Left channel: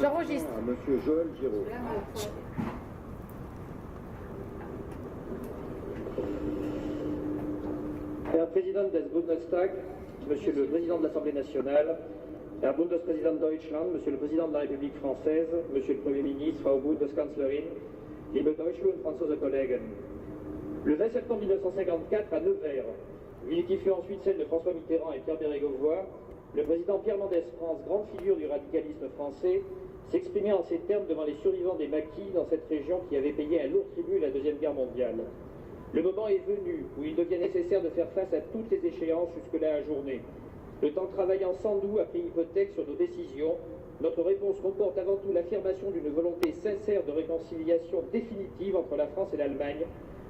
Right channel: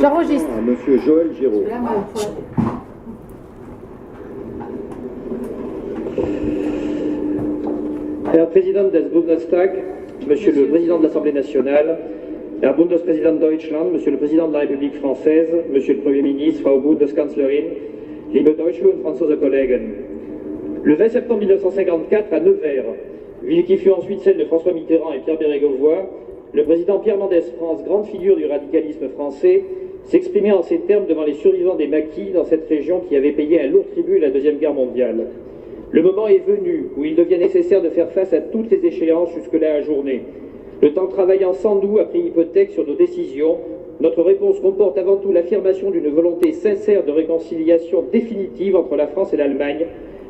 J'enregistre. Monsieur Joël Giraud. Herr Präsident des Bundestag, Monsieur le Président de l'Assemblée nationale, Herr Bundespräsident Deutschland, Monsieur le Président de la République française, Monsieur le Premier ministre, Frau Bundeskanzlerin, liebe deutsche und franzose Kollegen. Le 20 septembre 1954, à Nevers, ville qui fut ensuite celle de François Mitterrand et Pierre Bérégovoy, le président Pierre Mendès France, grande figure du radicalisme français, s'exprimait en ces termes devant les survivants des maquis dans cette région qui avait payé un lourd tribut à la Deuxième Guerre mondiale. Le moment est venu où il devient nécessaire de faire face à toutes les échéances jusque-là ajournées. Le temps travaillant sans nous a pris hypothèque sur nos décisions. Notre réponse comporte avant tout l'affirmation d'une volonté sincère de réconciliation définitive entre la France et l'Allemagne.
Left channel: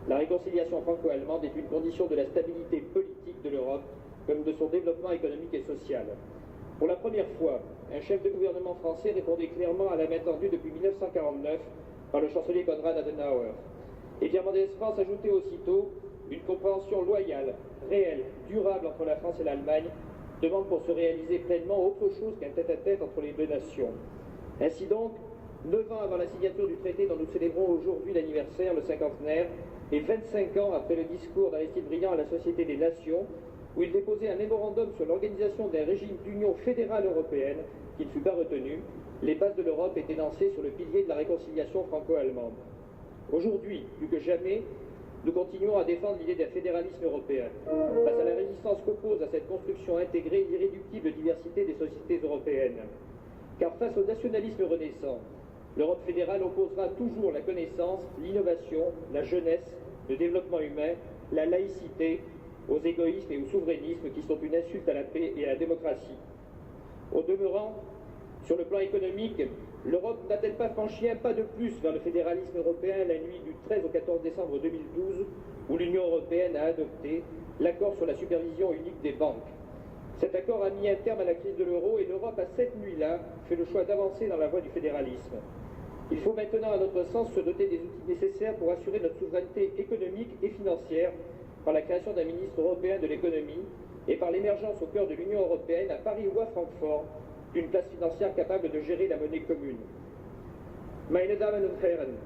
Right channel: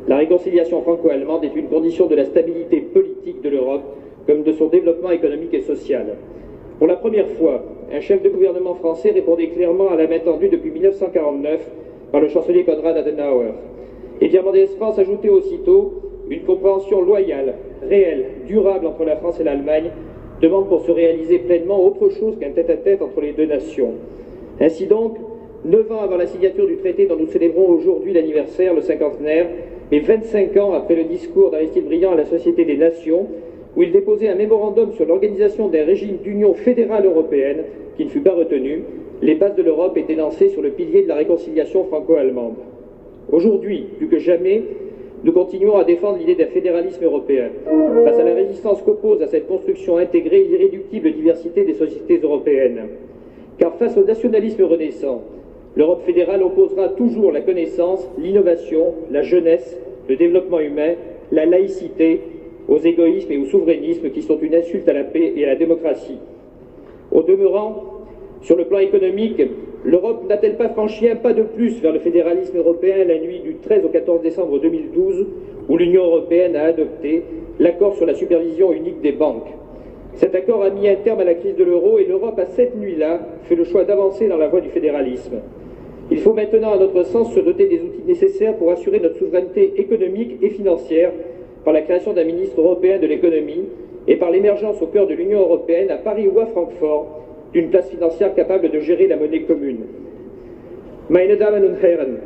La réconciliation franco-allemande est une condition de la stabilité politique de l'Europe, comme de son développement économique et social. Pour la première fois, un chef de gouvernement français répondait clairement à la main tendue depuis 1949 par le chancelier Konrad Adenauer. Et Pierre Mendès France ajoutait aussitôt une compréhension loyale, réelle, durable entre la France et l'Allemagne demande pour se réaliser pleinement autre chose qu'un tête-à-tête entre les deux nations. Ainsi donc, 9 ans avant la signature du traité dont nous célébrons aujourd'hui l'anniversaire, le cinquantenaire, et 25 ans après le discours d'Aristide Briand à la Société des Nations, où il déposait un mémorandum sur l'organisation d'un régime d'union fédérale européenne qui ne fut pas retenu, les bases de l'Europe étaient lancées sur le pilier de la réconciliation franco-allemande. Aujourd'hui, plus que jamais, nous continuons à défendre l'idée d'un fédéralisme européen, face à la résistance qu'oppose à cette construction intégrée l'irréductible diversité des sociétés européennes. Car face au nationalisme renaissant, l'Europe fédérale opposera toujours la connaissance, l'innovation, la jeunesse, le développement humain, la laïcité, aux égoïsmes et au souverainisme qui sont une insulte à la paix et à la démocratie. Au demeurant, sur le plan économique, l'Europe n'a-t-elle pas franchi un pas de plus vers le fédéralisme européen la nuit du 13 au 14 décembre 2012, où l'Union européenne a adopté l'accord sur la supervision unique des banques? Cet accord a mis un terme à la crise de l'euro et l'Europe a cette nuit-là fait le choix d'avancer dans la voie du fédéralisme. Il faut maintenant, à notre sens, se doter des outils nécessaires pour assurer notre souveraineté économique et financière par la création d'un ministre européen de l'économie et par l'émergence au cœur de l'Union européenne, à Paris ou à Francfort, d'une place financière capable de gérer la monnaie commune. Meine Damen und Herren,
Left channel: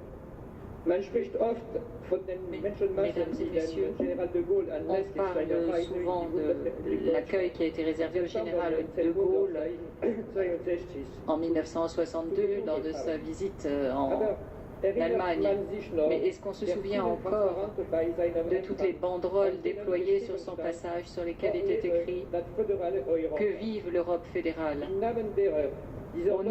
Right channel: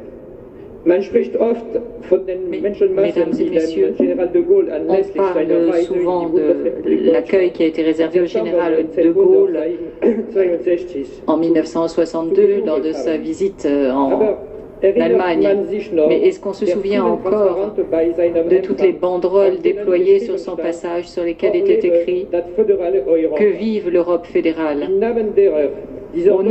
man spricht oft von den Menschenmassen, die dem Général de Gaulle anlässlich seiner Reise in die Bundesrepublik l'accueil qui a été réservé au général de Gaulle en 1962 lors de sa visite en Allemagne. Mais est-ce qu'on se souvient encore de toutes les banderoles déployées sur son passage sur lesquelles était écrit « Que vive l'Europe fédérale »